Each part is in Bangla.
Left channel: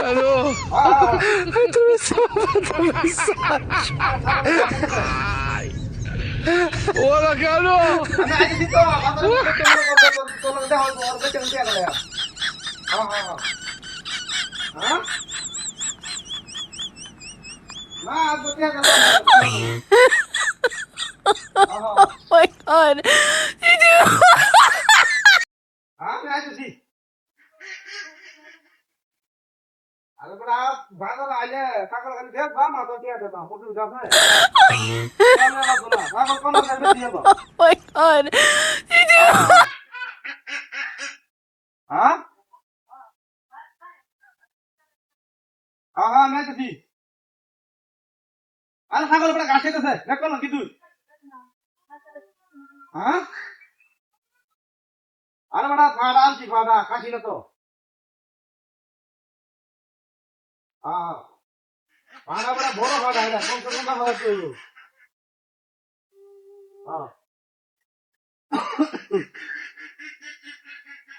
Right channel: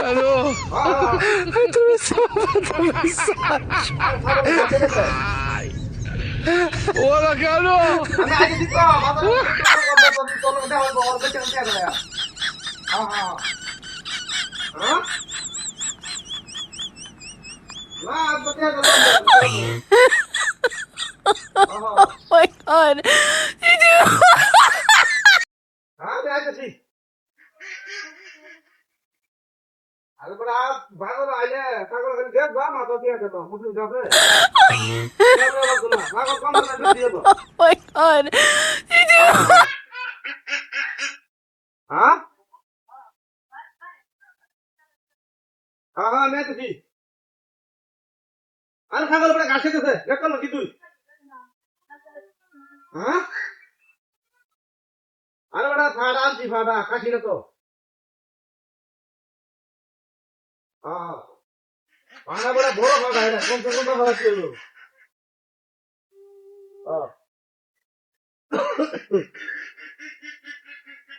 Aló. Hola, Carlos. Oh my god. Did you? Oh my god. Did you?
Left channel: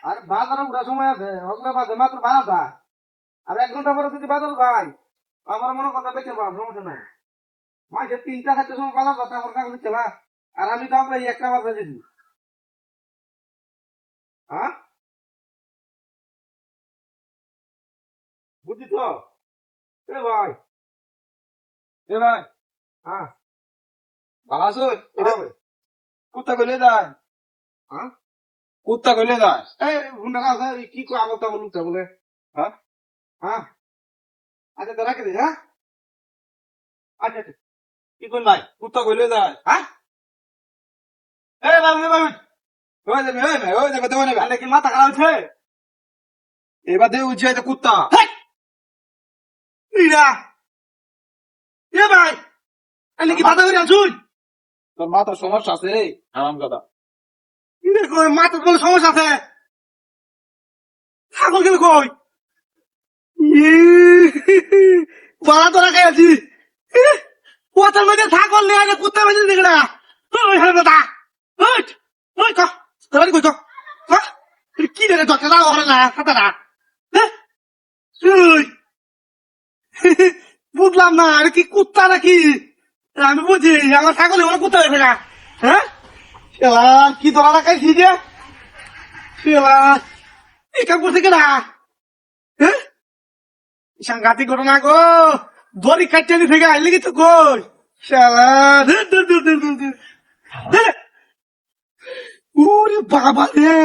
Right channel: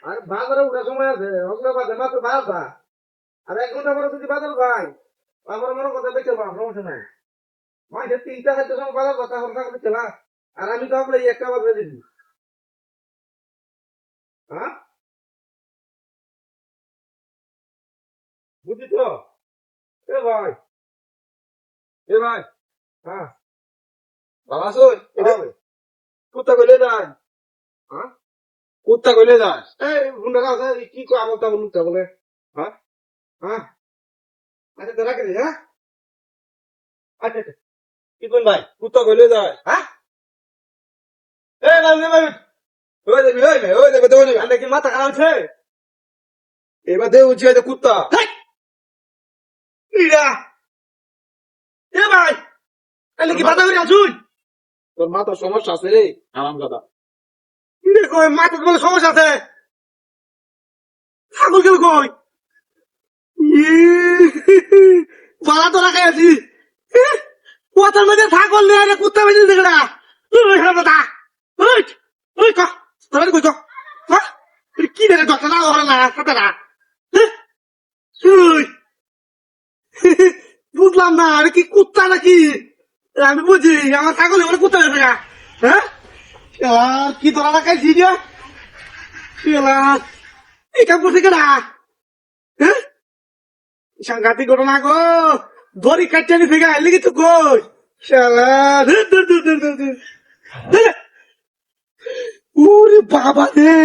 আর বাজারে উঠার সময় আছে ওগুলো বাজে মাত্র 12টা আর 1 ঘন্টা পরে যদি বাজার যাই আমার মনে কথা বেঁচে পাম সমস্যা নাই মাঝে 3টা 4টার সময় বাজার যাতে আমার কাছে দিচ্ছে না আর আমি তো আপনার একটা বাজারে দিচ্ছি হ্যাঁ বুঝি তো এ ভাই হ্যাঁ ভালো আছো কুত্তা কইলে যায় হ্যাঁ কুত্তা কইলে যায় এই হুন্ডা আছে কি কো আমতা বলুতা বলে হ্যাঁ হ্যাঁ আচ্ছা তো রাখে দে হ্যাঁ আচ্ছা আচ্ছা কি কোন ভাই কুত্তা কইলে যায় হ্যাঁ এ বাবু ওই দেখো তো না আলে কি মাথা খারাপ হচ্ছে এবার দেউ উঠে যে কুত্তা ইরা এ ভাই আলে কি মাথা করে আছুন তোর মাথার সমস্যা আছে রে হারামজাদা দেখো মাথার কোনো সমস্যা আছে ছাগল কি কই বাড়া তো রাখাই আছি কোথার মধ্যে ছাগল নিয়ে এটা কুত্তা বেঁধে দেখে না দাদা ওই চ ধরে কই চ কি রে ডক্টর না ওরা না কথা না বুঝলাম না আরে কি কুত্তা নাকি আমি বুঝি আমার ছাগল ওরা কুত্তা বেঁধে না হ্যাঁ কি ধরা রাখাইছি রে এটা করছে কেনা হ্যাঁ সাংঘাতিক ঘটনা গো দড়ি কাটতে নি ফেগা আইলি তো কই শালা দূর ওরে বাবা রে